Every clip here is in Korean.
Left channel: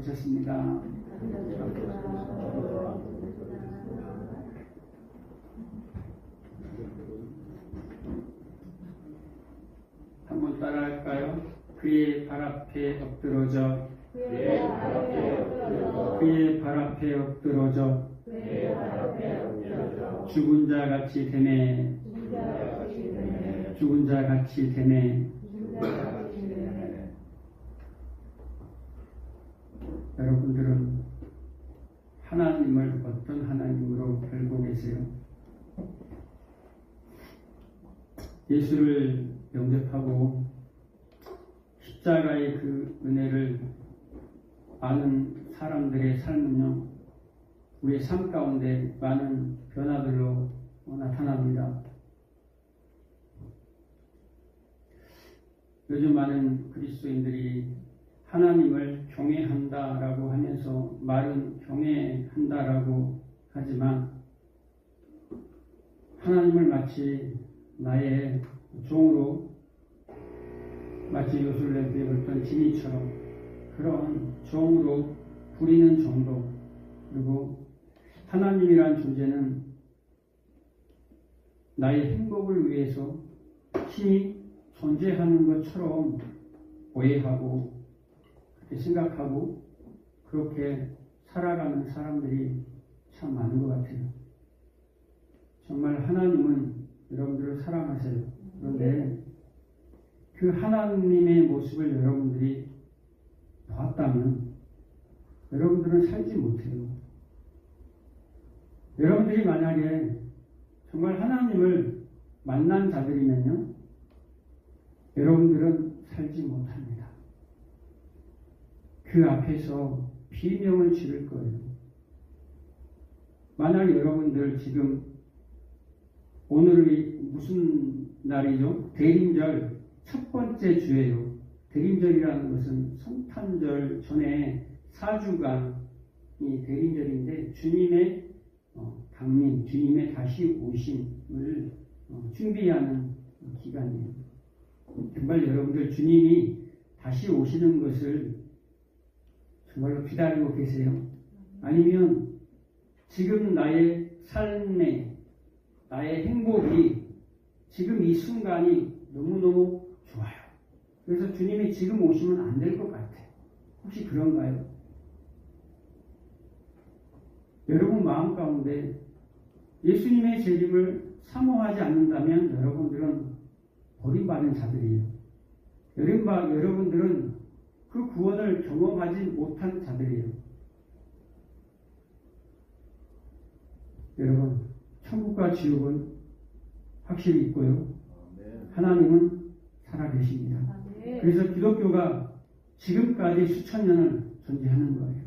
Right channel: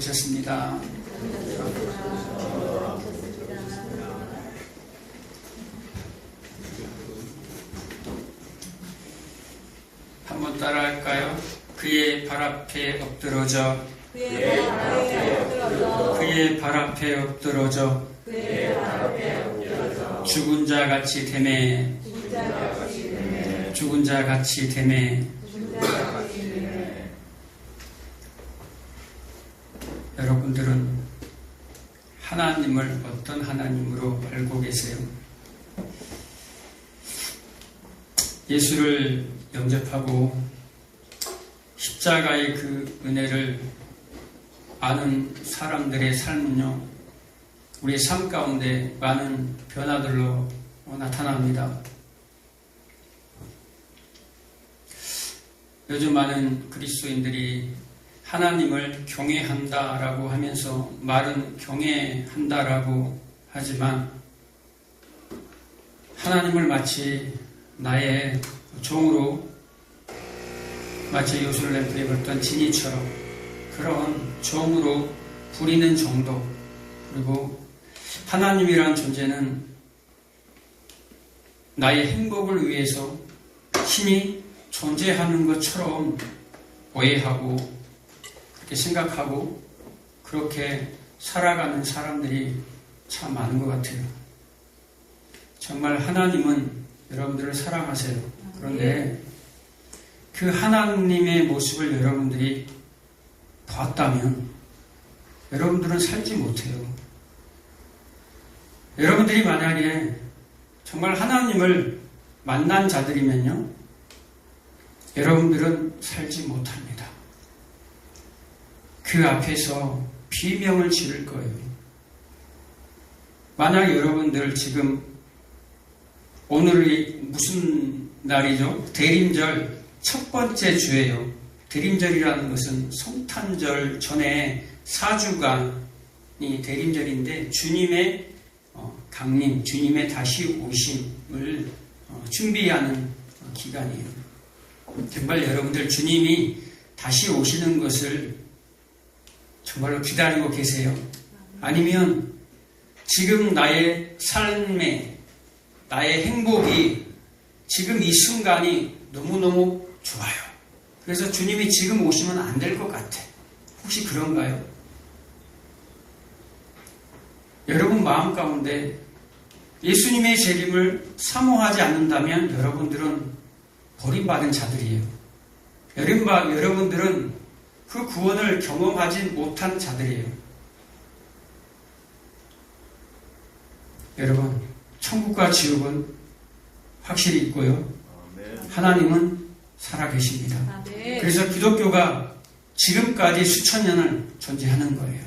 오셨습니다. 한번 따라할까요? 그의 발 앞에 엎드러져 그의 발 앞에 엎드러져 죽은 자 같이 되매 죽은 자 같이 되매. 여러분들은 하나님을 어떤 하나님으로 알고 계세요? 예수를 영접하고 십자가의 그 은혜를 아는 사람들의 삶은요, 우리의 삶 가운데 많은 변화들로 나타납니다. 요즘 많은 그리스도인들이 하나님을 경외한다라고 하면서 말은 경외한다라고 하지만 하나님을 마치 나의 종으로 마치 요술램프에 걸던 지니처럼 그런 종으로 부리는 정도, 그리고 하나님이란 존재는 나의 행복을 위해서 신이 존재하는 것처럼 오해하고 그렇게 생각하고 그렇게 살아가는 사람들이 참 많은 것 같아요. 정말 하나님은 여러분들을 사랑하세요. 그런데 그 하나님의 모습을 여러분들이 봤다면 여러분들은 살지 못해요. 여러분들이 만약에 정말 하나님을 만난 자들이면요, 여러분들은 살지 못합니다. 그 앞에서 비명을 지를 거예요. 만약 여러분들 지금 오늘이 무슨 날이죠? 대림절 첫 번째 주예요. 대림절이라는 것은 성탄절 전에 4주간이 대림절인데 주님의 강림, 주님의 다시 오심을 준비하는 기간이에요. 정말 여러분들 주님이 다시 오시는 것을 정말로 기다리고 계세요? 아니면 지금 나의 삶에 나의 행복이 지금 이 순간이 너무너무 좋아요. 그래서 주님이 지금 오시면 안 될 것 같아. 혹시 그런가요? 여러분 마음 가운데 예수님의 재림을 사모하지 않는다면 여러분들은 버림받은 자들이에요. 여러분들은 그 구원을 경험하지 못한 자들이에요. 여러분, 천국과 지옥은 확실히 있고요. 하나님은 살아계십니다. 그래서 기독교가 지금까지 수천 년을 존재하는 거예요.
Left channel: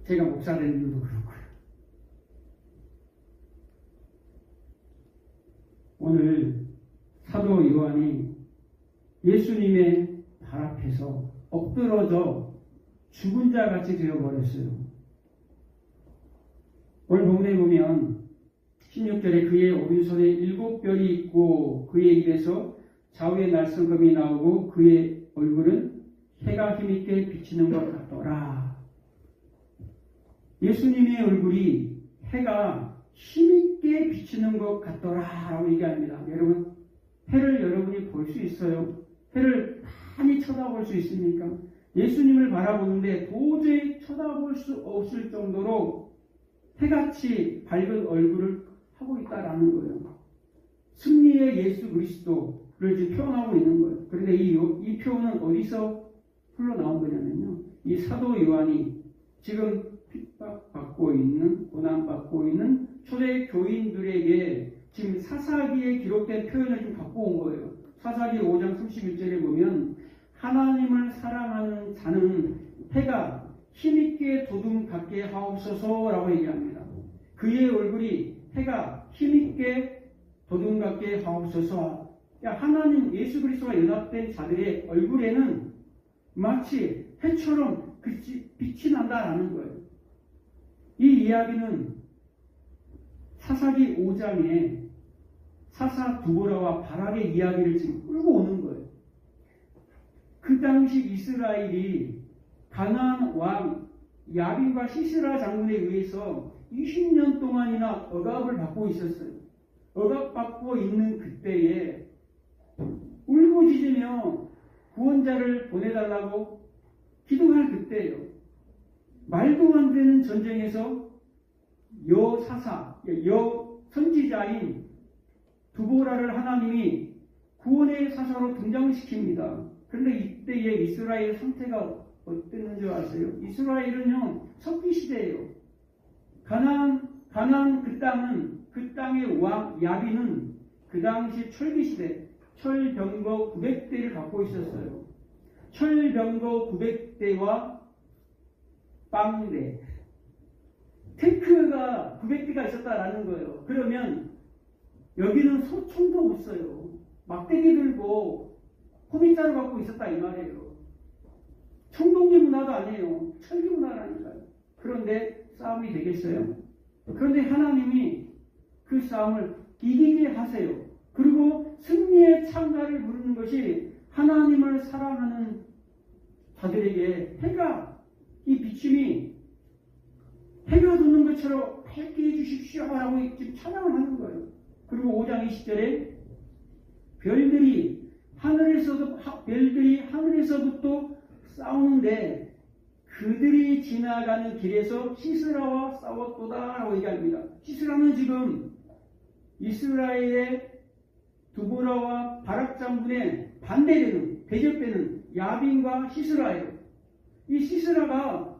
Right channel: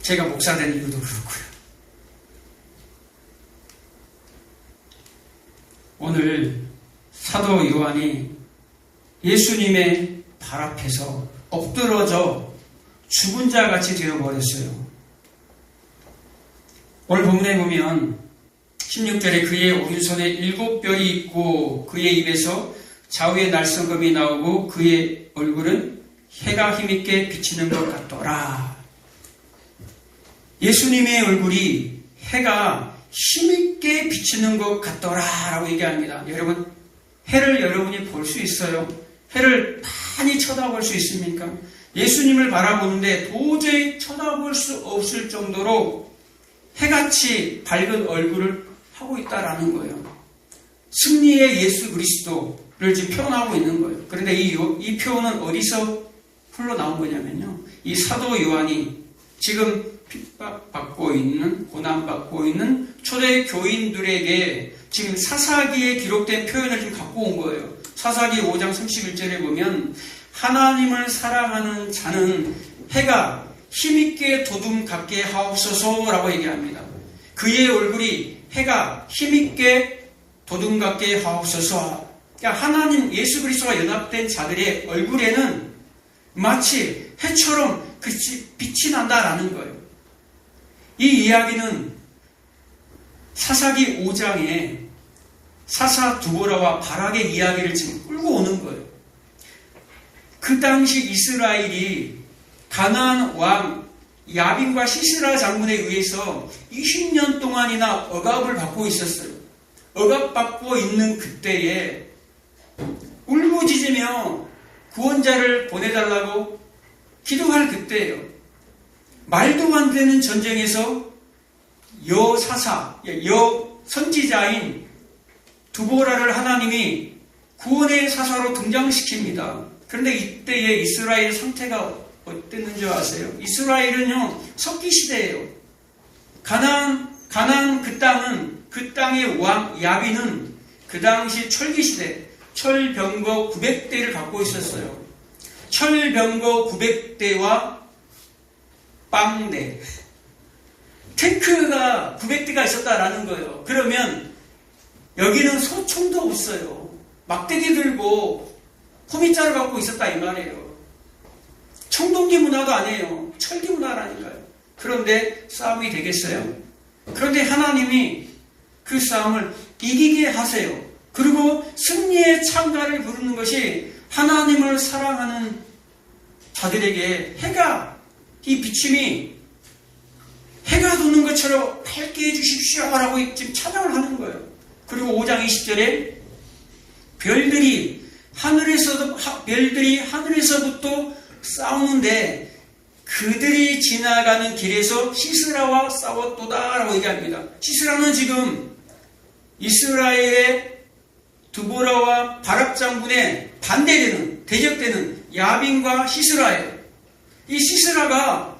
제가 목사된 이유도 그렇고요. 오늘 사도 요한이 예수님의 발 앞에서 엎드러져 죽은 자 같이 되어버렸어요. 오늘 본문에 보면 16절에 그의 오른손에 7뼈이 있고 그의 입에서 좌우의 날성검이 나오고 그의 얼굴은 해가 힘있게 비치는 것 같더라. 예수님의 얼굴이 해가 힘있게 비치는 것 같더라 라고 얘기합니다. 여러분, 해를 여러분이 볼 수 있어요? 해를 많이 쳐다볼 수 있습니까? 예수님을 바라보는데 도저히 쳐다볼 수 없을 정도로 해같이 밝은 얼굴을 하고 있다라는 거예요. 승리의 예수 그리스도를 지금 표현하고 있는 거예요. 그런데 이 표현은 어디서 흘러나온 거냐면요, 이 사도 요한이 지금 핍박받고 있는, 고난받고 있는 초대 교인들에게 지금 사사기에 기록된 표현을 지금 갖고 온 거예요. 사사기 5장 31절에 보면 하나님을 사랑하는 자는 해가 힘있게 도둠 같게 하옵소서라고 얘기합니다. 그의 얼굴이 해가 힘있게 도둠 같게 하옵소서. 그러니까 하나님 예수 그리스도와 연합된 자들의 얼굴에는 마치 해처럼 빛이 난다라는 거예요. 이 이야기는 사사기 5장에 사사 두보라와 바락의 이야기를 지금 끌고 오는 거예요. 그 당시 이스라엘이 가나안 왕 야빈과 시스라 장군에 의해서 20년 동안이나 억압을 받고 있었어요. 억압받고 있는 그때에 울부짖으며 구원자를 보내달라고 기도할 그때예요. 말도 안 되는 전쟁에서 선지자인 두보라를 하나님이 구원의 사사로 등장시킵니다. 그런데 이때의 이스라엘 상태가 어땠는지 아세요? 이스라엘은요, 석기시대예요. 가나안 그 땅의 왕 야빈은 그 당시 철기시대, 철병거 900대를 갖고 있었어요. 철병거 900대와 빵대, 탱크가 900대가 있었다라는 거예요. 그러면 여기는 소총도 없어요. 막대기 들고 호미자를 갖고 있었다 이 말이에요. 청동기 문화도 아니에요. 철기 문화라니까요. 그런데 싸움이 되겠어요? 그런데 하나님이 그 싸움을 이기게 하세요. 그리고 승리의 창가를 부르는 것이 하나님을 사랑하는 자들에게 이 비침이 해가 돋는 것처럼 밝게 해주십시오라고 지금 찬양을 하는 거예요. 그리고 5장 20절에 별들이 하늘에서부터 싸우는데 그들이 지나가는 길에서 시스라와 싸웠도다라고 얘기합니다. 시스라는 지금 이스라엘의 두보라와 바락 장군의 반대되는, 대적되는 야빈과 시스라예요. 이 시스라가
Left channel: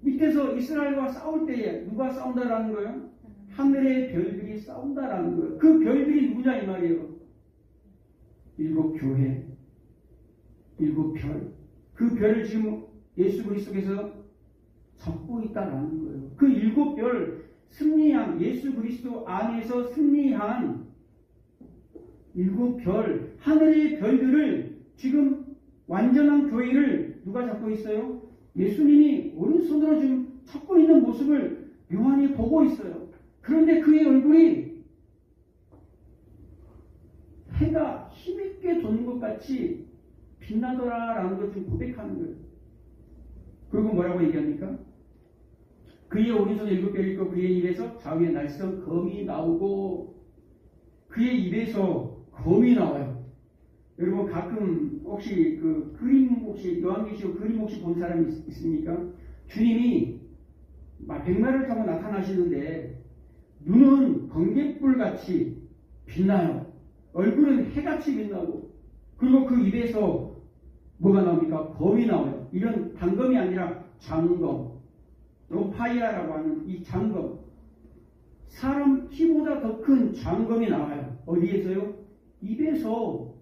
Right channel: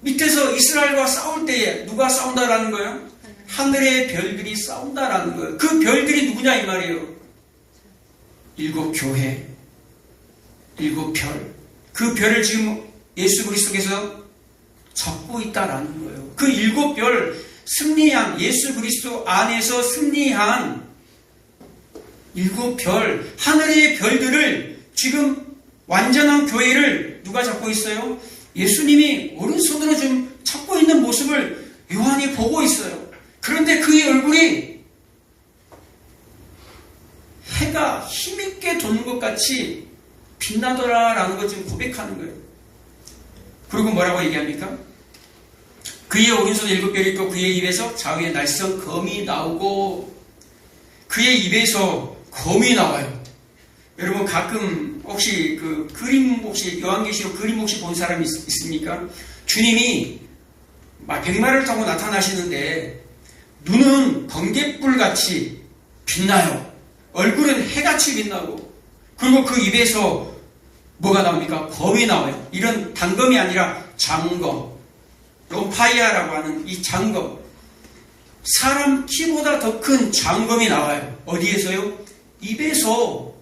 밑에서 이스라엘과 싸울 때에 누가 싸운다라는 거예요? 하늘의 별들이 싸운다라는 거예요. 그 별들이 누구냐 이 말이에요. 7 교회, 7 별. 그 별을 지금 예수 그리스도께서 잡고 있다라는 거예요. 그 7별 승리한, 예수 그리스도 안에서 승리한 7별, 하늘의 별들을 지금 완전한 교회를 누가 잡고 있어요? 예수님이 오른손으로 좀 잡고 있는 모습을 요한이 보고 있어요. 그런데 그의 얼굴이 해가 힘있게 도는 것 같이 빛나더라라는 것 지금 고백하는 거예요. 그리고 뭐라고 얘기합니까? 그의 오른손에 7별이 있고 그의 입에서 좌우에 날선 검이 나오고, 그의 입에서 검이 나와요. 여러분 가끔 혹시 그 그림, 혹시 요한계시록 그림 혹시 본 사람이 있습니까? 주님이 백마를 타고 나타나시는데 눈은 번갯불같이 빛나요. 얼굴은 해같이 빛나고, 그리고 그 입에서 뭐가 나옵니까? 검이 나와요. 이런 단검이 아니라 장검, 롬파이아라고 하는 이 장검, 사람 키보다 더 큰 장검이 나와요. 어디에서요? 입에서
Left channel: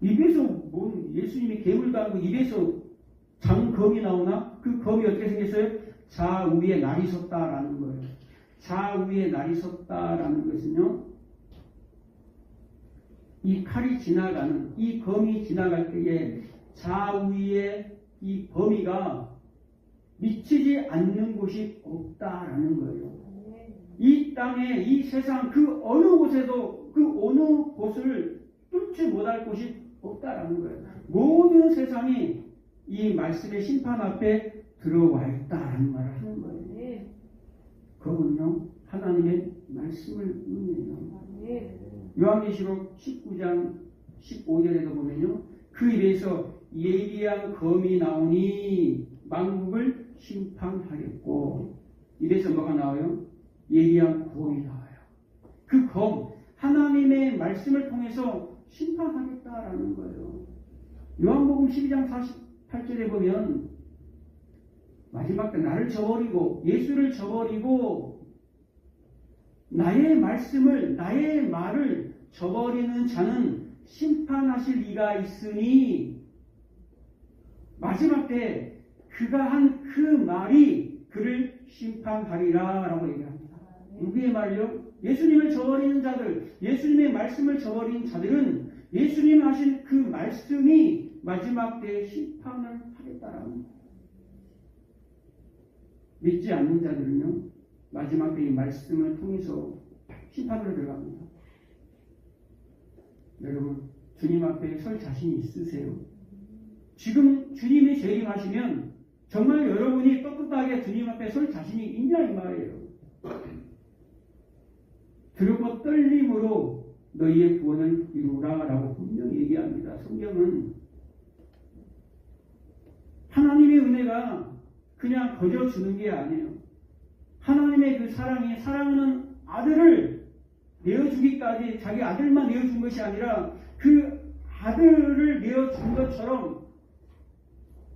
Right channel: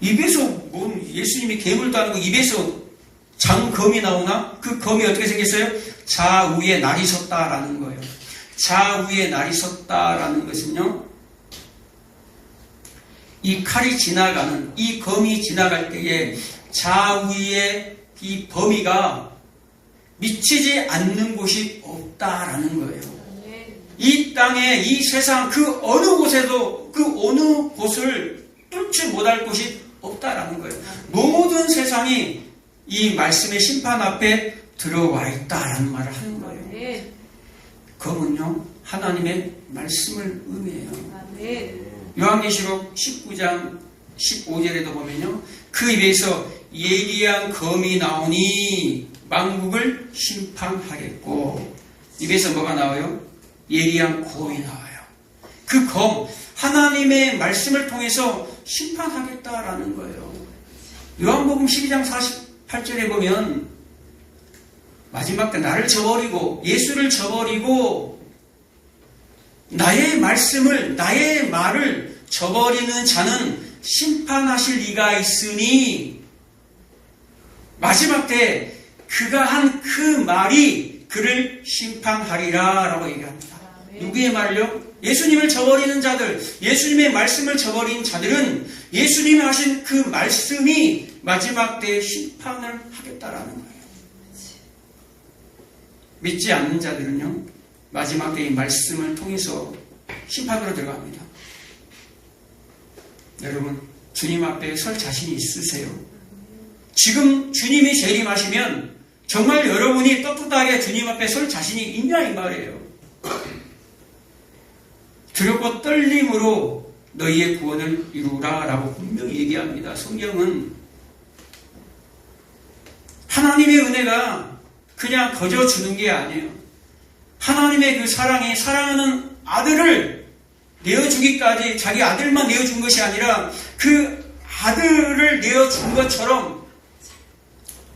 뭐 예수님이 괴물도 아니고 입에서 장검이 나오나? 그 검이 어떻게 생겼어요? 좌우에 날이 섰다라는 거예요. 좌우에 날이 섰다라는 것은요, 이 칼이 지나가는, 이 검이 지나갈 때에 좌우에 이 범위가 미치지 않는 곳이 없다라는 거예요. 이 땅에, 이 세상 그 어느 곳에도 그 어느 곳을 뚫지 못할 곳이 없다라는 거예요. 모든 세상이 이 말씀의 심판 앞에 들어와 있다라는 말을 하는 거예요. 검은요, 하나님의 말씀을 의미해요. 요한계시록 19장 15절에도 보면요, 그 입에서 예리한 검이 나오니 만국을 심판하겠고, 입에서 뭐가 나와요? 예리한 검이 나와요. 그 검, 하나님의 말씀을 통해서 심판하겠다라는 거예요. 요한복음 12장 48절에 보면 마지막 때 나를 저버리고 예수를 저버리고 나의 말씀을, 나의 말을 저버리는 자는 심판하실 이가 있으니, 마지막 때 그가 한 그 말이 그를 심판하리라 라고 얘기합니다. 누구의 말을요? 예수님을 저버리는 자들, 예수님의 말씀을 저버린 자들은 예수님이 하신 그 말씀이 마지막 때에 심판을 하겠다라는 거예요. 믿지 않는 자들은요, 마지막 때의 말씀을 통해서 심판으로 들어갑니다. 여러분, 주님 앞에 설 자신이 있으세요? 지금 주님이 재림하시면 정말 여러분이 떳떳하게 주님 앞에 설 자신이 있냐 이 말이에요. 두렵고 떨림으로 너희의 구원을 이루라 라고 분명히 얘기합니다. 성경은 하나님의 은혜가 그냥 거저 주는 게 아니에요. 하나님의 그 사랑이 사랑하는 아들을 내어주기까지 자기 아들만 내어준 것이 아니라 그 아들을 내어준 것처럼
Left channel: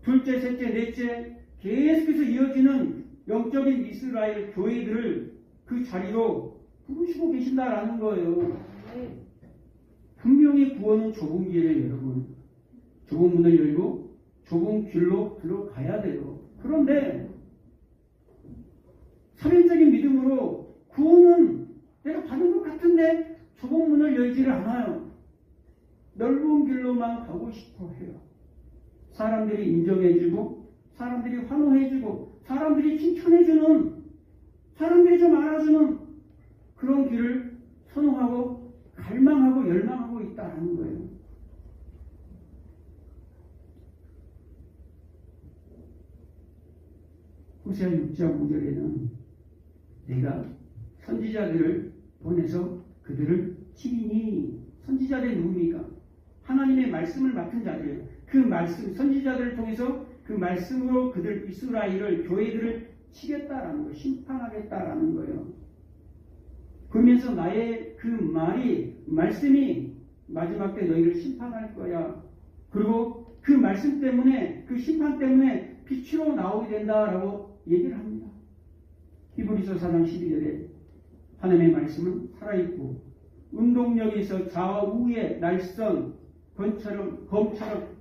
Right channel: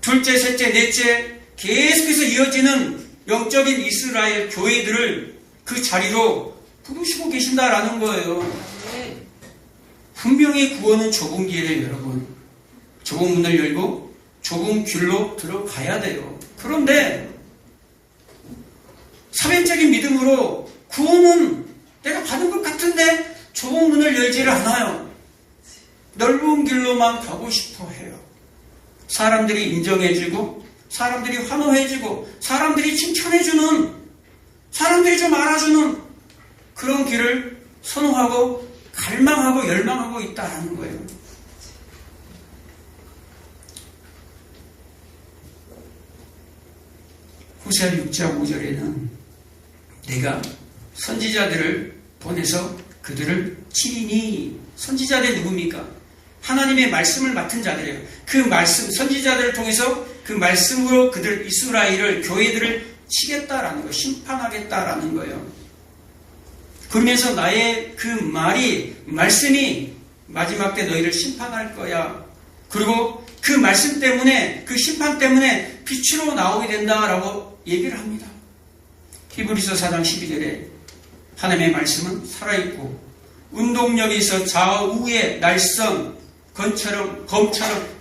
둘째, 셋째, 넷째 계속해서 이어지는 영적인 이스라엘 교회들을 그 자리로 부르시고 계신다라는 거예요. 분명히 구원은 좁은 길이에요, 여러분. 좁은 문을 열고 좁은 길로 들어가야 돼요. 그런데 사변적인 믿음으로 구원은 내가 받은 것 같은데 좁은 문을 열지를 않아요. 넓은 길로만 가고 싶어 해요. 사람들이 인정해주고 사람들이 환호해주고 사람들이 칭찬해주는 사람들이 좀 알아주는 그런 길을 선호하고 갈망하고 열망하고 있다는 거예요. 호세아 6장 5절에는 내가 선지자들을 보내서 그들을 치리니, 선지자들이 누굽니까? 하나님의 말씀을 맡은 자들이에요. 그 말씀, 선지자들을 통해서 그 말씀으로 그들 이스라엘을, 교회들을 치겠다라는 거예요. 심판하겠다라는 거예요. 그러면서 나의 그 말씀이 마지막 때 너희를 심판할 거야. 그리고 그 말씀 때문에, 그 심판 때문에 빛으로 나오게 된다라고 얘기를 합니다. 히브리서 4장 12절에 하나님의 말씀은 살아있고 운동력이 있어 좌우의 날선 검처럼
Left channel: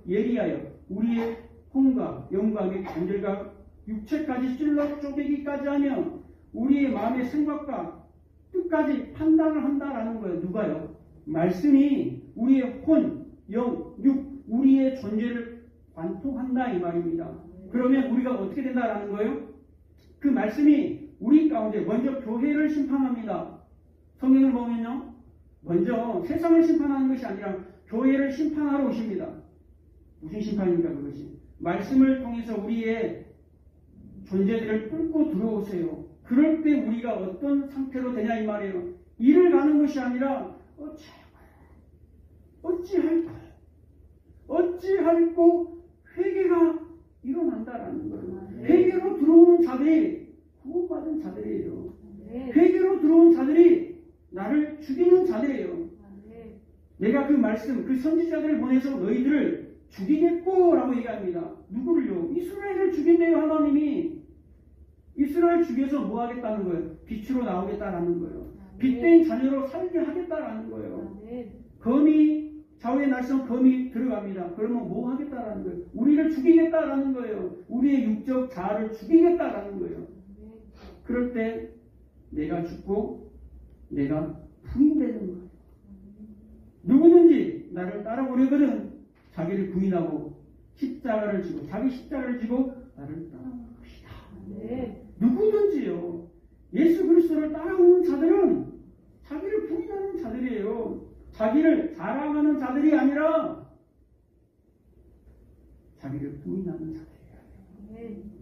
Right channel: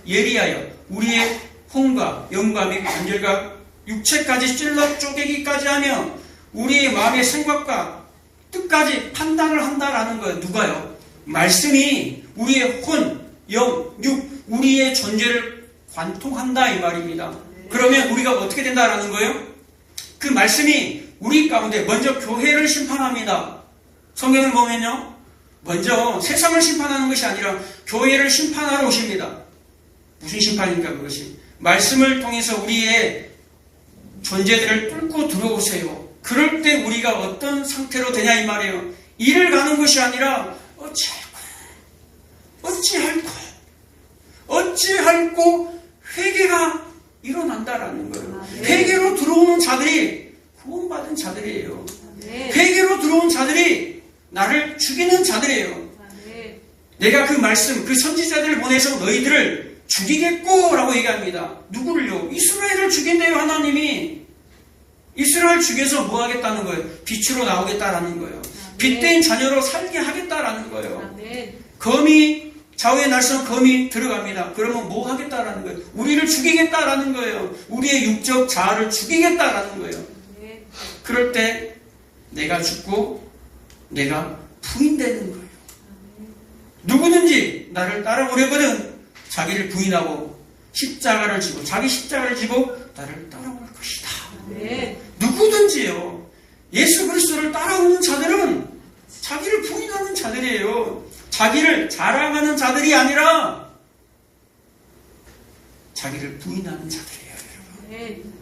예리하여 우리의 혼과 영과 및 관절과 육체까지 찔러 쪼개기까지 하며 우리의 마음의 생각과 뜻까지 판단을 한다라는 거예요. 누가요? 말씀이 우리의 혼, 영, 육, 우리의 존재를 관통한다 이 말입니다. 그러면 우리가 어떻게 된다라는 거예요? 그 말씀이 우리 가운데 먼저 교회를 심판합니다. 성경을 보면요, 먼저 세상을 심판하는 것이 아니라 교회를 심판하러 오십니다. 무슨 심판입니까 그것이? 말씀을 통해서 우리의 존재들을 뚫고 들어오세요. 그럴 때 우리가 어떤 상태로 되냐 이 말이에요. 이를 가는 것이 아니라 어찌할꼬 회개가 일어난다라는 거예요. 회개로 들어오는 자들이 구원받은 자들이에요. 회개로 들어온 자들이 나를 죽이는 자들이에요. 내가 그 말씀, 그 선지자들을 보내서 너희들을 죽이겠고 라고 얘기합니다. 누구를요? 이스라엘을 죽인대요. 하나님이 이스라엘 죽여서 뭐 하겠다는 거예요? 빛으로 나오겠다라는 거예요. 빛된 자녀로 살게 하겠다라는 거예요. 검이, 좌우의 날선 검이 들어갑니다. 그러면 뭐 하겠다라는 거예요? 우리를 죽이겠다라는 거예요. 우리의 육적 자아를 죽이겠다라는 거예요. 그럴 때 내가 죽고 내가 부인되는 거예요. 누구든지 나를 따라오려거든 자기를 부인하고 십자가를 지고 자기 십자가를 지고 나를 따라올 것이다. 누구든지요. 예수 그리스도를 따라오는 자들은 자기를 부인하는 자들이에요. 자기를 자랑하는 자들이 아니라 자기를 부인하는 자들이에요, 여러분.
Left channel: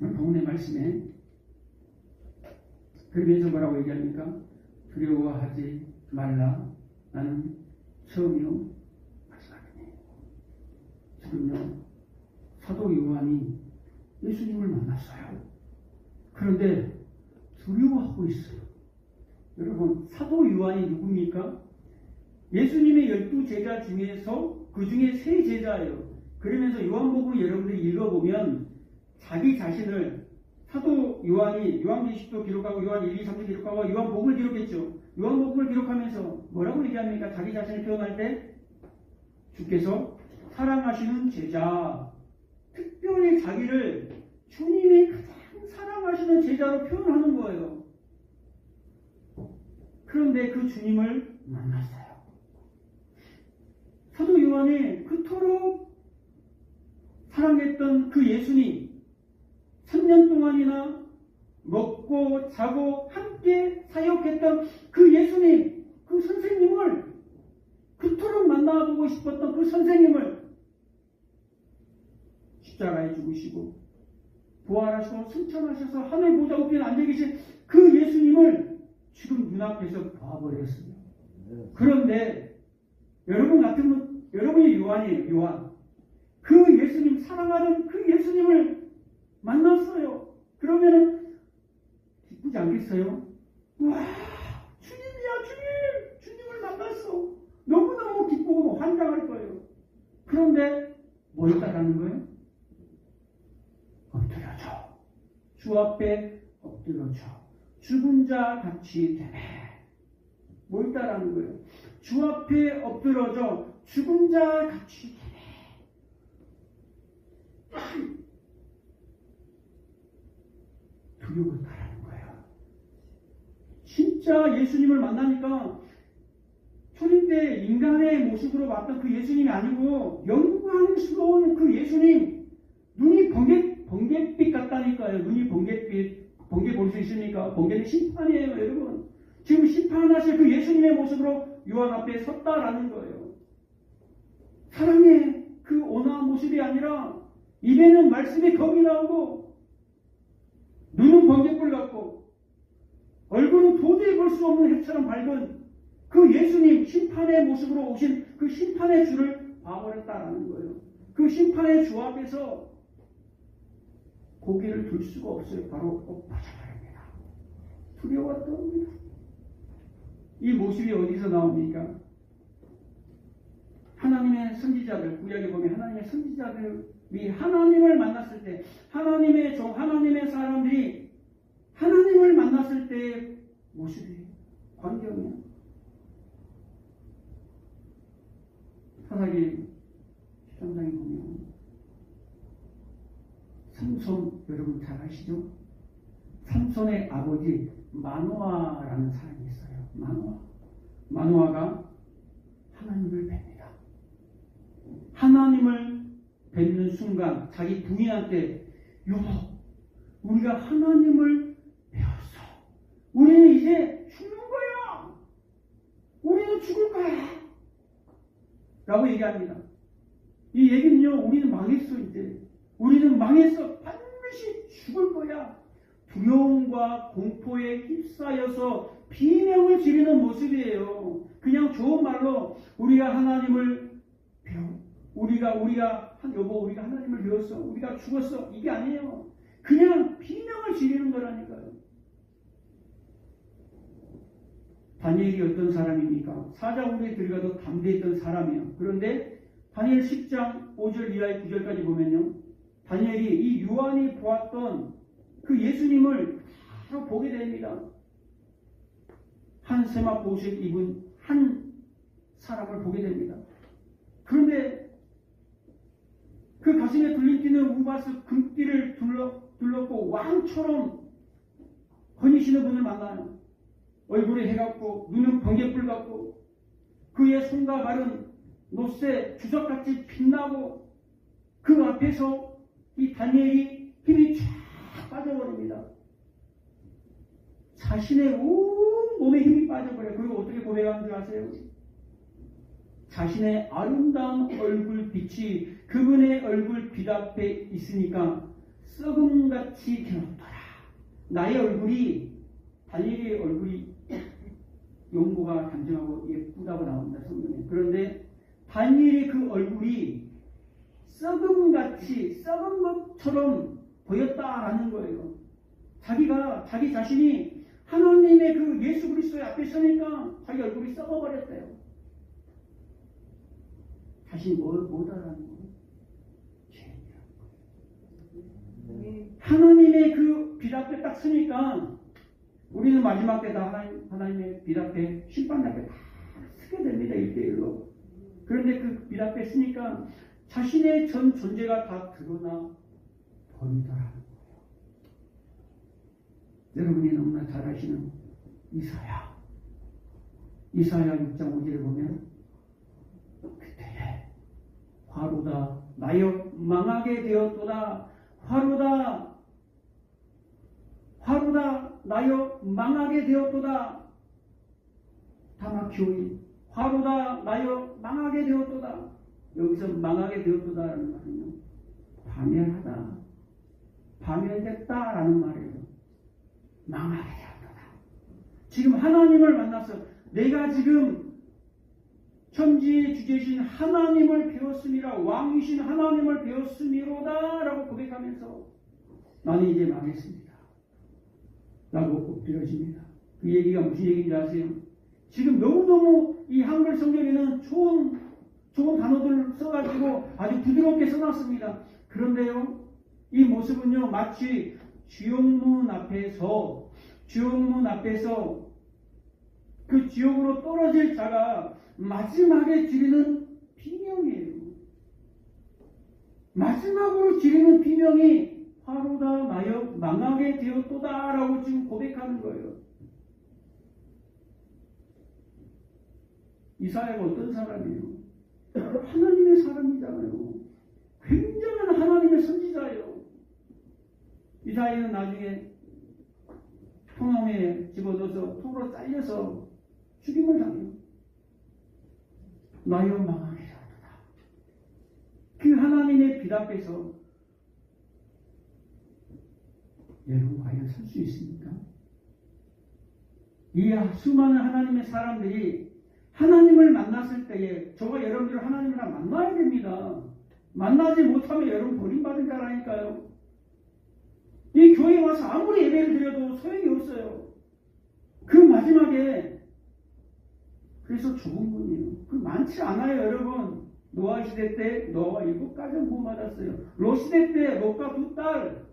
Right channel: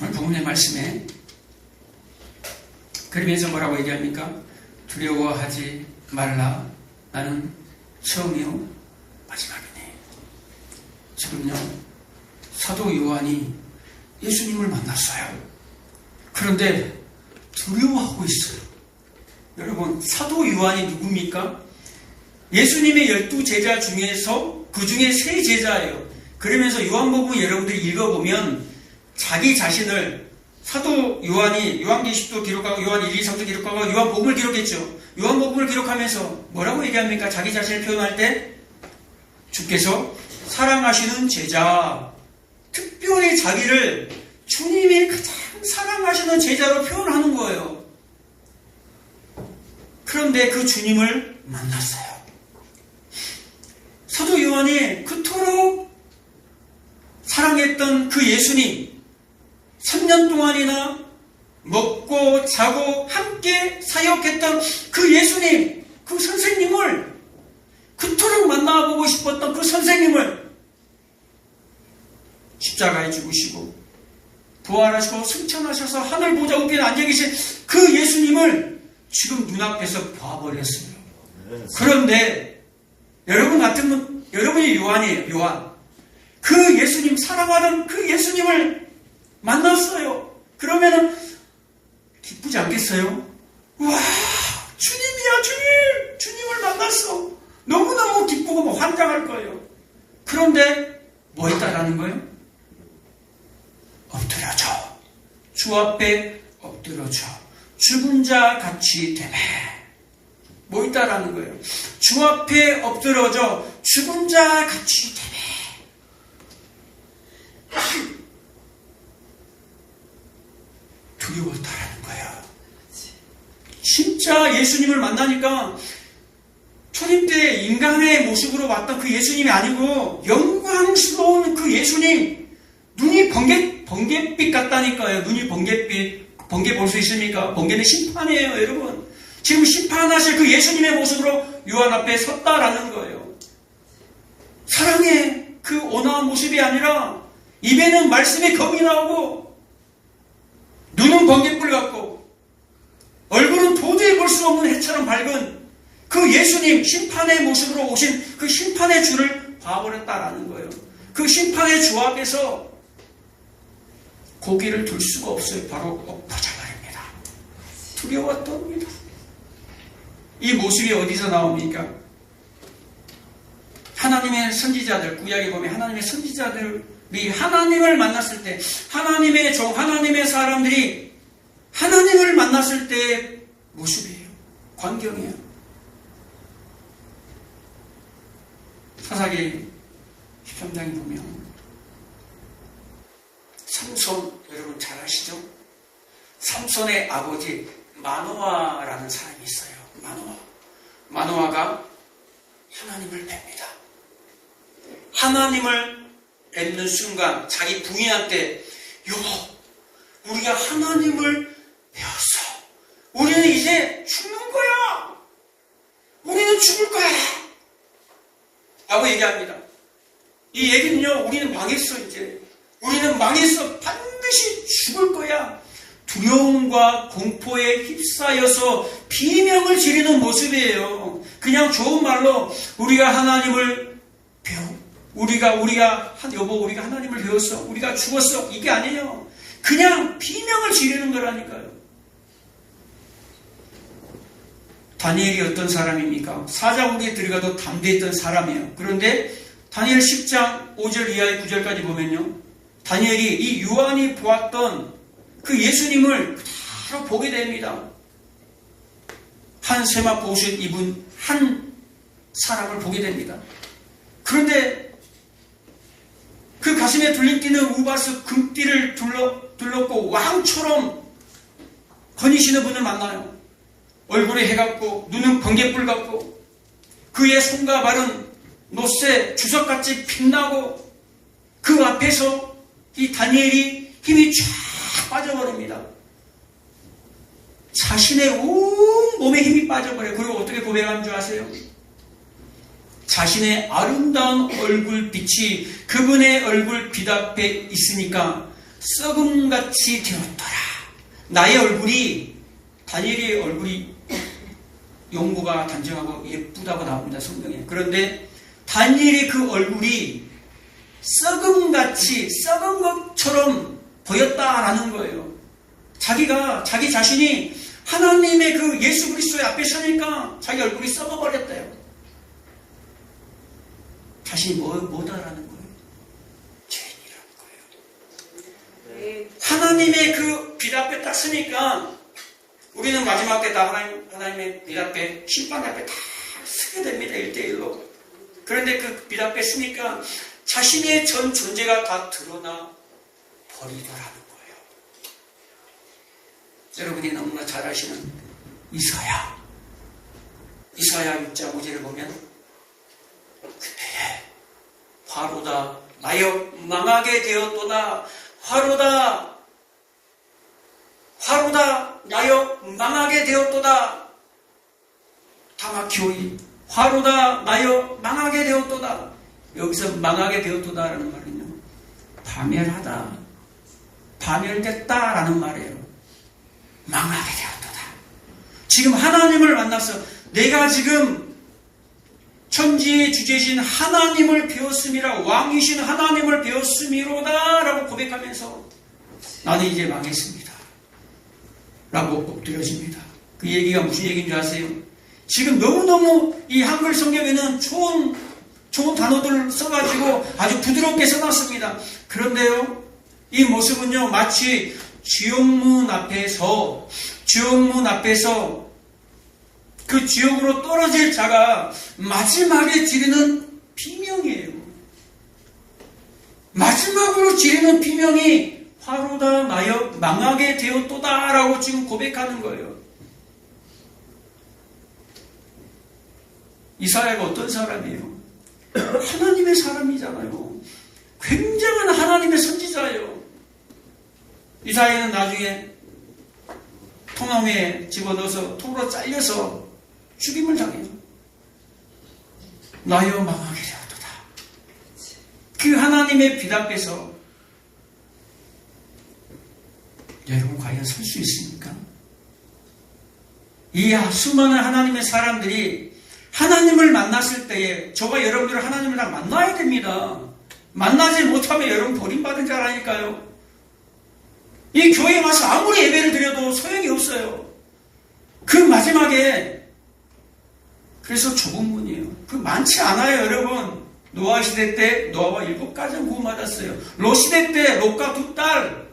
오늘 본문의 말씀에 그러면서 뭐라고 얘기합니까? 두려워하지 말라. 나는 처음이요 마지막이네. 지금요 사도 요한이 예수님을 만났어요. 그런데 두려워하고 있어요. 여러분, 사도 요한이 누굽니까? 예수님의 12제자 중에서 그 중에 3제자예요. 그러면서 요한복음 여러분들이 읽어보면 자기 자신을 사도 요한이 요한계시록도 기록하고 요한 1, 2, 3도 기록하고 요한복음을 기록했죠. 요한복음을 기록하면서 뭐라고 얘기합니까? 자기 자신을 표현할 때 주께서 사랑하시는 제자, 특별히 자기를 주님이 가장 사랑하시는 제자로 표현하는 거예요. 그런데 그 주님을 만났어요. 사도 요한이 그토록 사랑했던 그 예수님, 3년 동안이나 먹고 자고 함께 사역했던 그 예수님, 그 선생님을 그토록 만나보고 싶었던 그 선생님을 십자가에 죽으시고 부활하시고 승천하셔서 하늘 보좌 우편에 앉아 계신 그 예수님을 지금 눈앞에서 봐버렸어요. 그런데 여러분 같으면 여러분이 요한이에요. 요한. 그 예수님, 사랑하는 그 예수님을 만났어요. 그러면은 기쁘지 않겠어요? 와, 주님이야, 주님! 주님을 만났어. 너무너무 기쁘고 뭐 환장할 거예요. 그런데 뭐 있다라는 거예요? 엎드려져. 주 앞에 엎드려져. 죽은 자 같이 되매. 뭐 있다라는 거예요? 주 앞에 엎드려져 죽은 자 같이 되매. 두려웠다라는 거야. 진짜 예수님을 만나니까 초림 때 인간의 모습으로 왔던 그 예수님이 아니고 영광스러운 그 예수님, 눈이 번갯빛 같다니까요. 눈이 번갯빛. 번개 볼 수 있습니까? 번개는 심판이에요, 여러분. 지금 심판하실 그 예수님의 모습으로 요한 앞에 섰다라는 거예요. 사랑의 그 온화한 모습이 아니라 입에는 말씀의 검이 나오고 눈은 번갯불 같고 얼굴은 도저히 볼 수 없는 해처럼 밝은 그 예수님, 심판의 모습으로 오신 그 심판의 주를 봐버렸다라는 거예요. 그 심판의 주 앞에서 고개를 들 수가 없어요. 바로 엎어져 버립니다. 두려웠답니다. 이 모습이 어디서 나옵니까? 하나님의 선지자들, 구약에 보면 하나님의 선지자들이 하나님을 만났을 때, 하나님의 종, 하나님의 사람들이 하나님을 만났을 때의 모습이에요. 광경이에요. 사사기 13장에 보면 삼손, 여러분 잘 아시죠? 삼손의 아버지 마노아라는 사람이 있어요. 마노아가 하나님을 뵙니다. 하나님을 뵙는 순간 자기 부인한테 여보, 우리가 하나님을 배웠어. 우리는 이제 죽는 거야. 우리는 죽을 거야. 라고 얘기합니다. 이 얘기는요, 우리는 망했어 이제. 우리는 망했어. 반드시 죽을 거야. 두려움과 공포에 휩싸여서 비명을 지르는 모습이에요. 그냥 좋은 말로 우리가 하나님을 여보 우리가 하나님을 배웠어. 우리가 죽었어. 이게 아니에요. 그냥 비명을 지르는 거라니까요. 다니엘이 어떤 사람입니까? 사자굴에 들어가도 담대했던 사람이에요. 그런데 다니엘 10장 5절 이하의 9절까지 보면요. 다니엘이 이 요한이 보았던 그 예수님을 바로 보게 됩니다. 한 세마포 옷을 입은 한 사람을 보게 됩니다. 그런데 그 가슴에 둘림뛰는 우바스 금띠를 둘렀고 왕처럼 거니시는 분을 만나요. 얼굴에 해 같고 눈은 번갯불 같고 그의 손과 발은 노새 주석같이 빛나고 그 앞에서 이 다니엘이 힘이 쫙 빠져버립니다. 자신의 온 몸에 힘이 빠져버려요. 그리고 어떻게 고백한 줄 아세요? 자신의 아름다운 얼굴빛이 그분의 얼굴빛 앞에 있으니까 썩음같이 되었더라. 나의 얼굴이, 다니엘의 얼굴이 용모가 단정하고 예쁘다고 나옵니다. 성경에. 그런데 다니엘의 그 얼굴이 썩음같이, 썩은 것처럼 보였다라는 거예요. 자기 자신이 하나님의 그 예수 그리스도의 앞에 서니까 자기 얼굴이 썩어버렸대요. 자신이 뭐다라는 거예요? 죄인이라는 거예요. 네. 하나님의 그 빛 앞에 딱 서니까 우리는 마지막 때 다 하나님의 빛 앞에, 심판 앞에 다 서게 됩니다. 1대1로. 그런데 그 빛 앞에 서니까 자신의 전 존재가 다 드러나 버리더라는 거예요. 여러분이 너무나 잘 아시는 이사야 6장 5절을 보면 그때에 화로다 나여 망하게 되었도다. 화로다 나여 망하게 되었도다. 다 막히오이 화로다 나여 망하게 되었도다. 여기서 망하게 되었도다라는 말은요, 파멸하다, 파멸됐다라는 말이에요. 망하게 되었도다. 지금 하나님을 만나서 내가 지금 천지의 주제신 하나님을 배웠음이라, 왕이신 하나님을 배웠음이로다 라고 고백하면서 나는 이제 망했습니다 라고 엎드려집니다. 그 얘기가 무슨 얘기인 줄 아세요? 지금 너무너무 이 한글 성경에는 좋은 단어들을 써가지고 아주 부드럽게 써놨습니다. 그런데요, 이 모습은요, 마치 지옥문 앞에서 그 지옥으로 떨어질 자가 마지막에 지르는 비명이에요. 마지막으로 지르는 비명이 화로다 나여 망하게 되었도다 라고 지금 고백하는 거예요. 이사야가 어떤 사람이에요? 하나님의 사람이잖아요. 굉장한 하나님의 선지자예요. 이사야는 나중에 통나무에 집어넣어서 통으로 잘려서 죽임을 당해요. 나여 망하게 되었도다. 그 하나님의 빛 앞에서 여러분 과연 설 수 있습니까? 이 수많은 하나님의 사람들이 하나님을 만났을 때에 저와 여러분들은 하나님을 다 만나야 됩니다. 만나지 못하면 여러분 버림받은 자라니까요. 이 교회에 와서 아무리 예배를 드려도 소용이 없어요. 그 마지막에, 그래서 좁은 문이에요. 그 많지 않아요, 여러분. 노아 시대 때 노아와 7가정 구원받았어요. 롯 시대 때 롯과 2딸.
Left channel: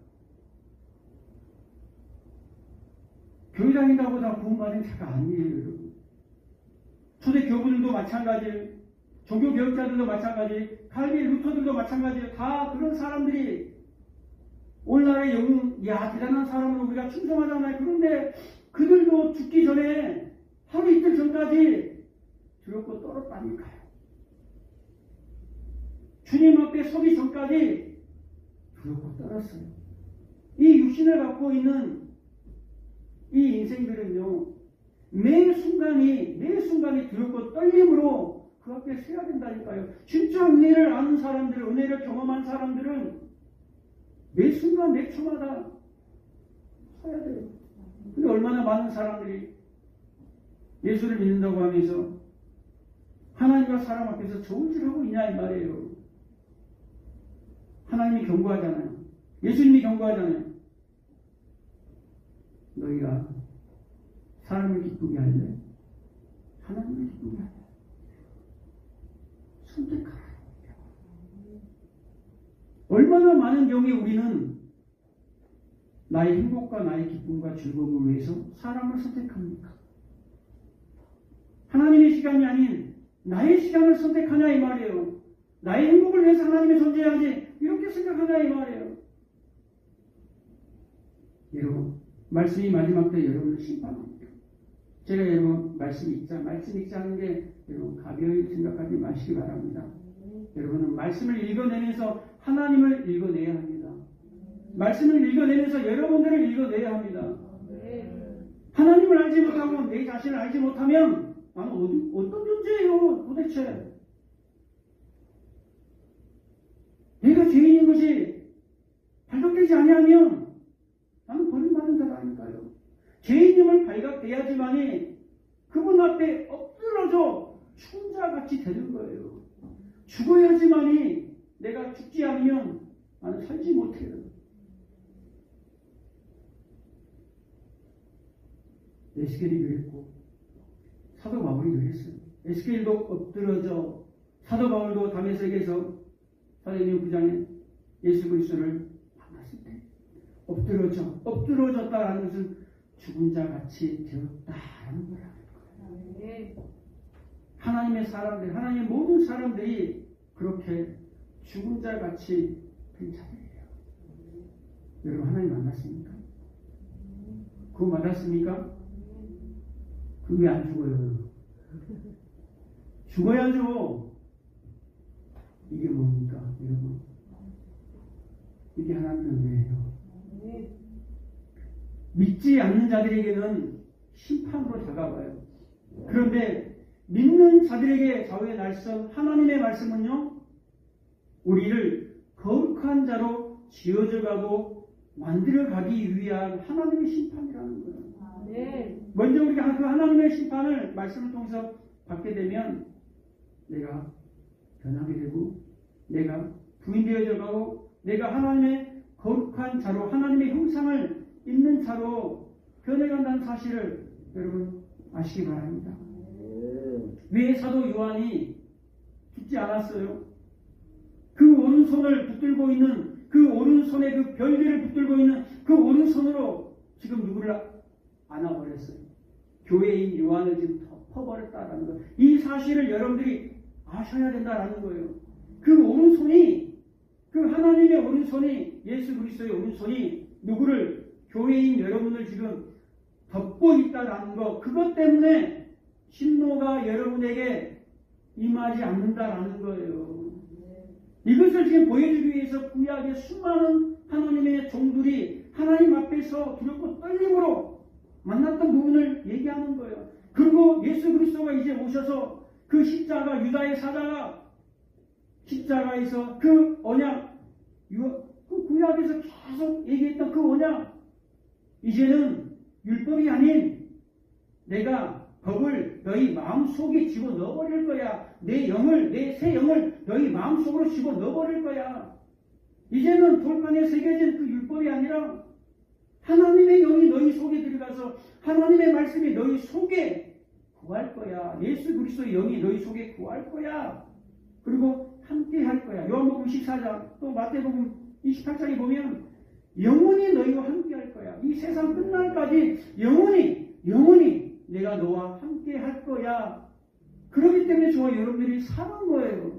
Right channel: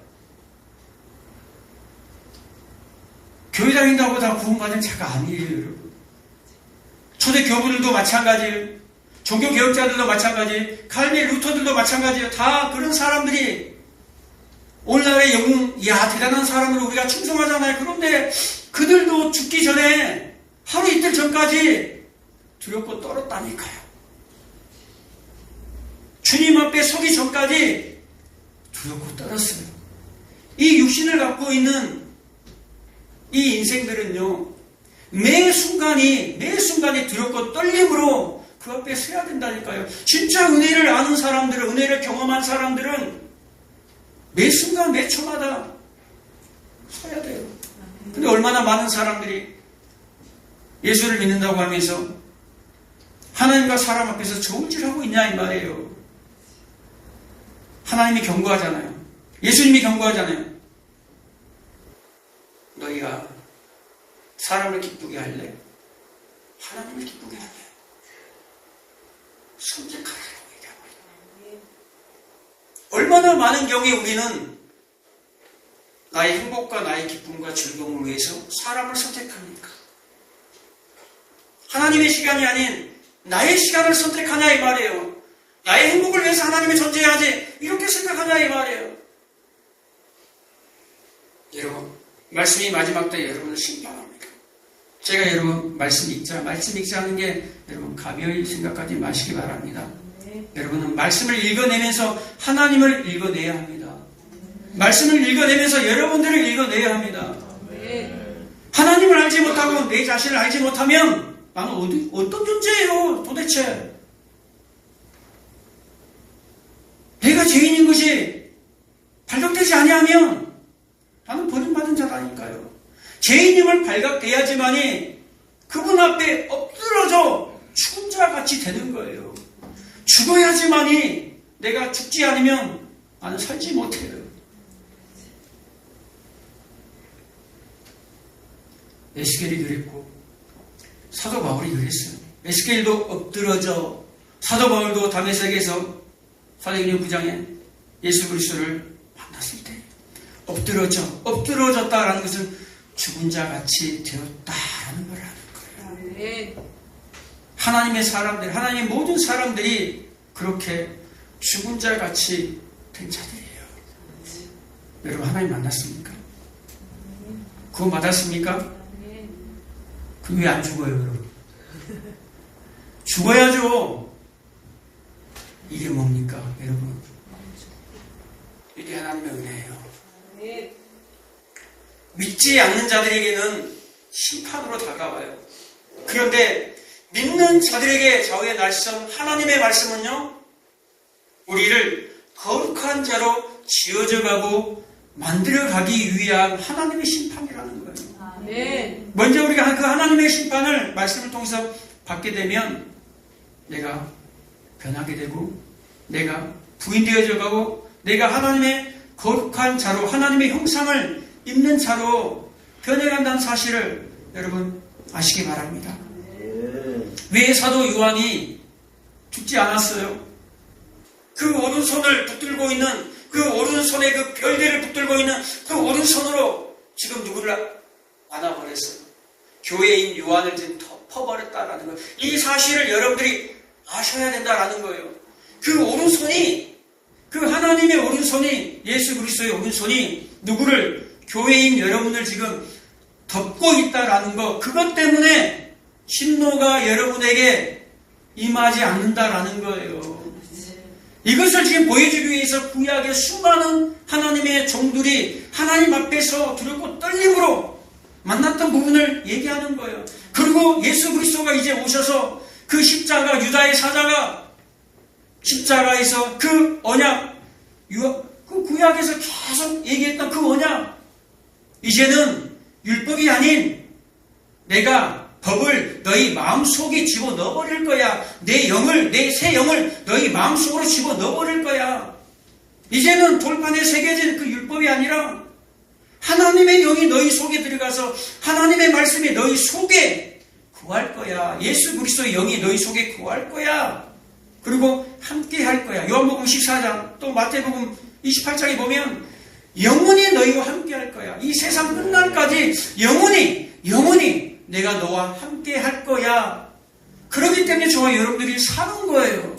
교회 다닌다고 다 구원받은 자가 아니에요, 여러분. 초대 교부들도 마찬가지예요. 종교개혁자들도 마찬가지예요. 칼빈 루터들도 마찬가지예요. 다 그런 사람들이 오늘날의 영웅, 대단한 사람으로 우리가 충성하잖아요. 그런데 그들도 죽기 전에 하루 이틀 전까지 두렵고 떨었다니까요. 주님 앞에 서기 전까지 두렵고 떨었어요. 이 육신을 갖고 있는 이 인생들은요, 매 순간이 두렵고 떨림으로 그 앞에 서야 된다니까요. 진짜 은혜를 아는 사람들은, 은혜를 경험한 사람들은 매 순간 매 초마다 서야 돼요. 근데 얼마나 많은 사람들이 예수를 믿는다고 하면서 하나님과 사람 앞에서 저울질하고 있냐 이 말이에요. 하나님이 경고하잖아요. 예수님이 경고하잖아요. 너희가 사람을 기쁘게 할래? 하나님을 기쁘게 할래? 선택하라고 얘기하고 있어요. 얼마나 많은 경우에 우리는 나의 행복과 나의 기쁨과 즐거움을 위해서 사람을 선택합니까? 하나님의 시간이 아닌 나의 시간을 선택하냐 이 말이에요. 나의 행복을 위해서 하나님이 존재해야지 이렇게 생각하냐 이 말이에요. 여러분, 말씀이 마지막 때 여러분을 심판합니다. 제가 여러분 말씀 읽자 하는 게 여러분 가벼이 생각하지 마시기 바랍니다. 여러분은 말씀을 읽어내면서 하나님을 읽어내야 합니다. 말씀을 읽어내면서 여러분들을 읽어내야 합니다. 하나님을 알지 못하고 내 자신을 알지 못하면 나는 어떤 존재예요 도대체? 내가 죄인인 것이 발각되지 아니하면 나는 버림받은 자라니까요. 죄인임을 발각돼야지만이 그분 앞에 엎드러져 죽은 자 같이 되는 거예요. 죽어야지만이 내가 죽지 않으면 나는 살지 못해요. 에스겔이 그랬고 사도 바울이 그랬어요. 에스겔도 엎드러져, 사도 바울도 다메섹에서 사도행전 9장에 예수 그리스도를 만났을 때 엎드러졌다라는 것은 죽은 자 같이 되었다라는 걸 하는 거예요. 하나님의 사람들, 하나님의 모든 사람들이 그렇게 죽은 자 같이 된 자들이에요. 여러분 하나님 만났습니까? 구원 받았습니까? 그 왜 안 죽어요, 여러분? 죽어야죠. 이게 뭡니까, 여러분? 이게 하나님의 은혜예요. 믿지 않는 자들에게는 심판으로 다가와요. 그런데 믿는 자들에게 좌우의 날선 하나님의 말씀은요, 우리를 거룩한 자로 지어져 가고 만들어 가기 위한 하나님의 심판이라는 거예요. 먼저 우리가 그 하나님의 심판을 말씀을 통해서 받게 되면 내가 변하게 되고 내가 부인되어져 가고 내가 하나님의 거룩한 자로 하나님의 형상을 입는 자로 변해간다는 사실을 여러분 아시기 바랍니다. 왜 사도 요한이 죽지 않았어요? 그 오른손을 붙들고 있는 그 오른손에 그 별들을 붙들고 있는 그 오른손으로 지금 누구를 안아버렸어요. 교회인 요한을 지금 덮어버렸다라는 거예요. 이 사실을 여러분들이 아셔야 된다라는 거예요. 그 오른손이, 그 하나님의 오른손이, 예수 그리스도의 오른손이 누구를, 교회인 여러분을 지금 덮고 있다라는 거, 그것 때문에 진노가 여러분에게 임하지 않는다라는 거예요. 이것을 지금 보여주기 위해서 구약의 수많은 하나님의 종들이 하나님 앞에서 두렵고 떨림으로 만났던 부분을 얘기하는 거예요. 그리고 예수 그리스도가 이제 오셔서 그 십자가, 유다의 사자가 십자가에서 그 언약, 그 구약에서 계속 얘기했던 그 언약, 이제는 율법이 아닌 내가 법을 너희 마음속에 집어넣어버릴 거야. 내 영을, 내 새 영을 너희 마음속으로 집어넣어버릴 거야. 이제는 돌판에 새겨진 그 율법이 아니라 하나님의 영이 너희 속에 들어가서 하나님의 말씀이 너희 속에 거할 거야. 예수 그리스도의 영이 너희 속에 거할 거야. 그리고 함께 할 거야. 요한복음 14장 또 마태복음 28장에 보면 영원히 너희와 함께 할 거야. 이 세상 끝날까지 영원히 내가 너와 함께 할 거야. 그렇기 때문에 저와 여러분들이 사는 거예요.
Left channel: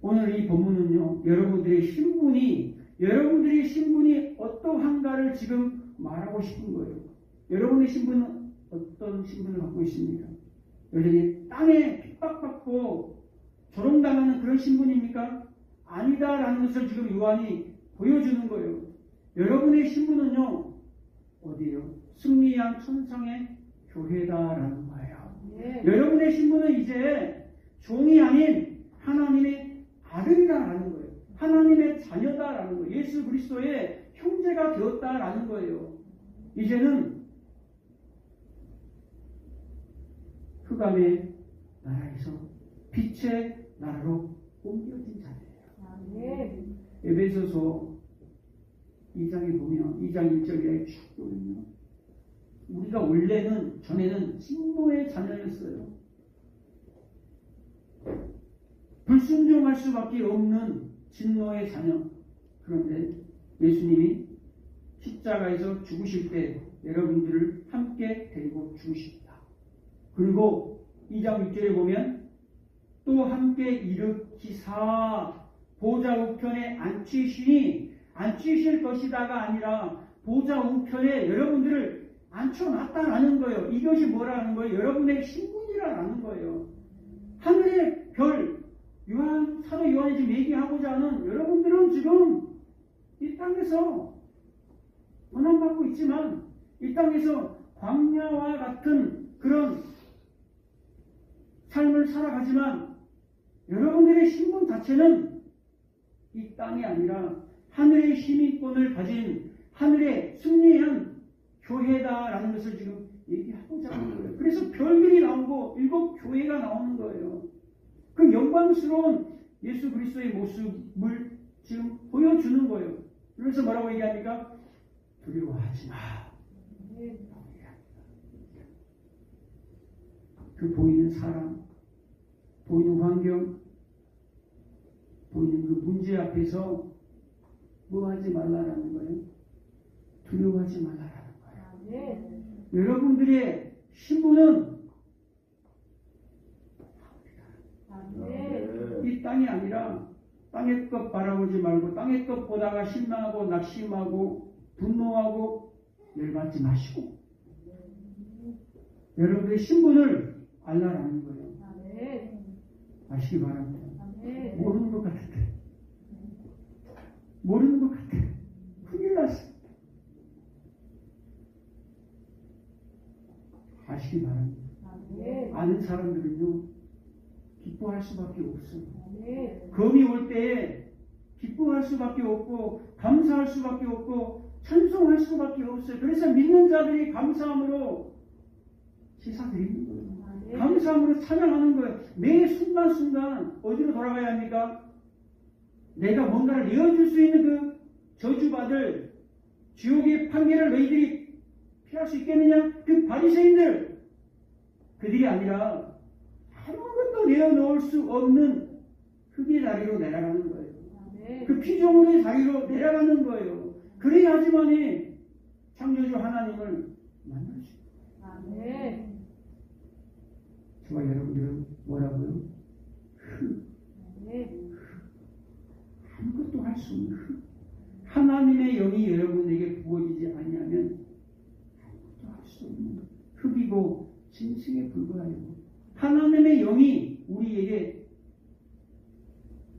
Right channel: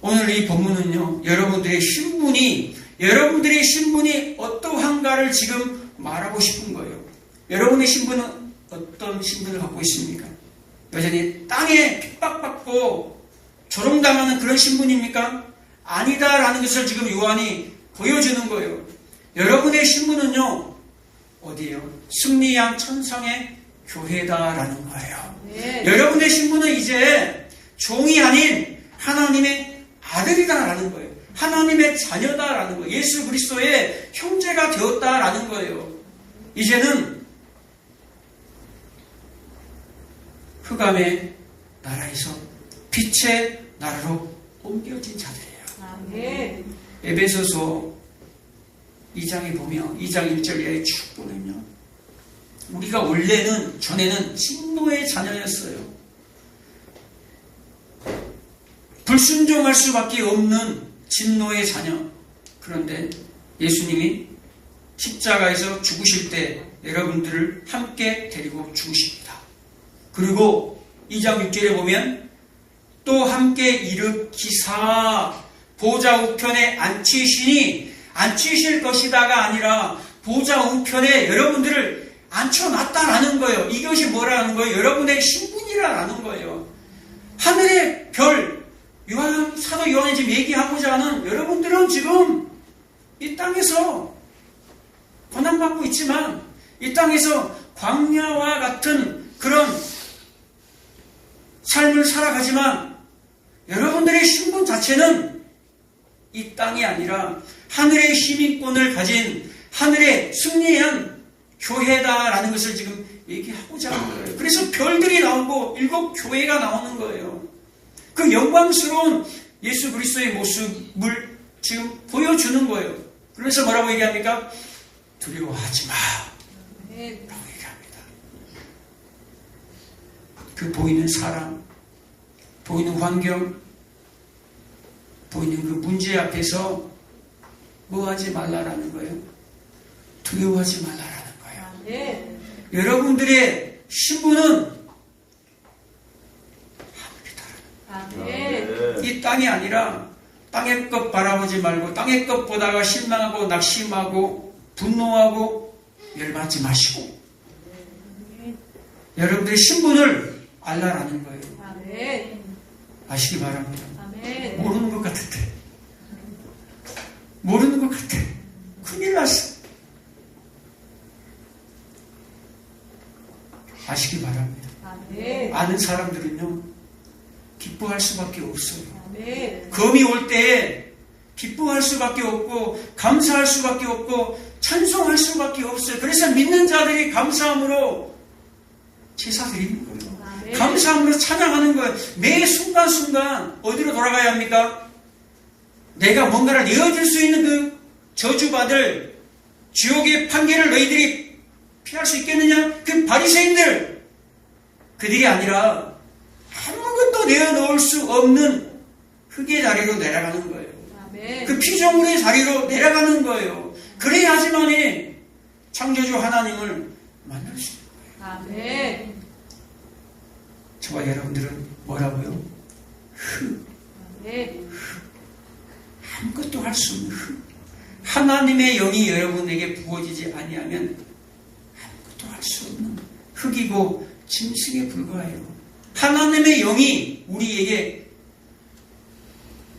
오늘 이 본문은요, 여러분들의 신분이 어떠한가를 지금 말하고 싶은 거예요. 여러분의 신분은 어떤 신분을 갖고 있습니까? 여전히 땅에 핍박받고 조롱당하는 그런 신분입니까? 아니다라는 것을 지금 요한이 보여주는 거예요. 여러분의 신분은요, 어디예요? 승리양 천상의 교회다라는 거예요. 네. 여러분의 신분은 이제 종이 아닌 하나님의 아들이다라는 거예요. 하나님의 자녀다라는 거예요. 예수 그리스도의 형제가 되었다라는 거예요. 이제는 흑암의 나라에서 빛의 나라로 옮겨진 자들이에요. 네. 에베소서 2장에 보면 2장 1절에 쭉 보면요, 우리가 원래는 전에는 진노의 자녀였어요. 불순종할 수밖에 없는 진노의 자녀. 그런데 예수님이 십자가에서 죽으실 때 여러분들을 함께 데리고 죽으십니다. 그리고 2장 6절에 보면 또 함께 일으키사 보좌 우편에 앉히실 것이다가 아니라 보좌 우편에 여러분들을 앉혀놨다라는 거예요. 이것이 뭐라는 거예요? 여러분의 신분이라는 거예요. 하늘의 별, 사도 요한이 지금 얘기하고자 하는, 여러분들은 지금 이 땅에서 고난받고 있지만 이 땅에서 광야와 같은 그런 삶을 살아가지만 여러분들의 신분 자체는 이 땅이 아니라 하늘의 시민권을 가진 하늘의 승리한 교회다라는 것을 지금 얘기하고자 하는 거예요. 그래서 별들이 나오고 7 교회가 나오는 거예요. 그 영광스러운 예수 그리스도의 모습을 지금 보여주는 거예요. 그래서 뭐라고 얘기합니까? 두려워하지 마 라고 얘기합니다. 그 보이는 사람, 보이는 환경, 보이는 그 문제 앞에서 뭐 하지 말라라는 거예요? 두려워하지 말라라는 거예요. 네. 여러분들의 신분은 하늘이다. 이 땅이 아니라 땅의 것 바라보지 말고 땅의 것 보다가 실망하고 낙심하고 분노하고 열받지 마시고 여러분들의 신분을 알라라는 거예요. 아시기 바랍니다. 모르는 것 같은데 모르는 것 같아. 큰일 났어. 기뻐할 수밖에 없어요. 아멘. 검이 올 때 기뻐할 수밖에 없고 감사할 수밖에 없고 찬송할 수밖에 없어요. 그래서 믿는 자들이 감사함으로 제사 드리는 거예요. 아멘. 감사함으로 찬양하는 거예요. 매 순간순간 어디로 돌아가야 합니까? 내가 뭔가를 내어줄 수 있는 그 저주받을 지옥의 판결을 너희들이 피할 수 있겠느냐? 그 바리새인들 그들이 아니라 아무것도 내어놓을 수 없는 흙의 자리로 내려가는 거예요. 아멘. 그 피조물의 자리로 내려가는 거예요. 그래야지만이 창조주 하나님을 만날 수 있는 거예요. 아멘. 저와 여러분들은 뭐라고요? 흙. 아멘. 아무것도 할 수 없는 흙. 하나님의 영이 여러분에게 부어지지 아니하면 아무것도 할 수 없는 흙이고 짐승에 불과해요. 하나님의 영이 우리에게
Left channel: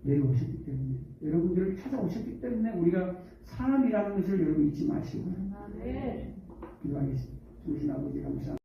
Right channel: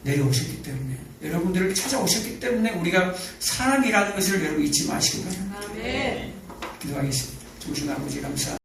내려오셨기 때문에 여러분들을 찾아오셨기 때문에 우리가 사람이라는 것을 여러분 잊지 마시기 바랍니다. 아멘. 기도하겠습니다. 좋으신 아버지 감사합니다.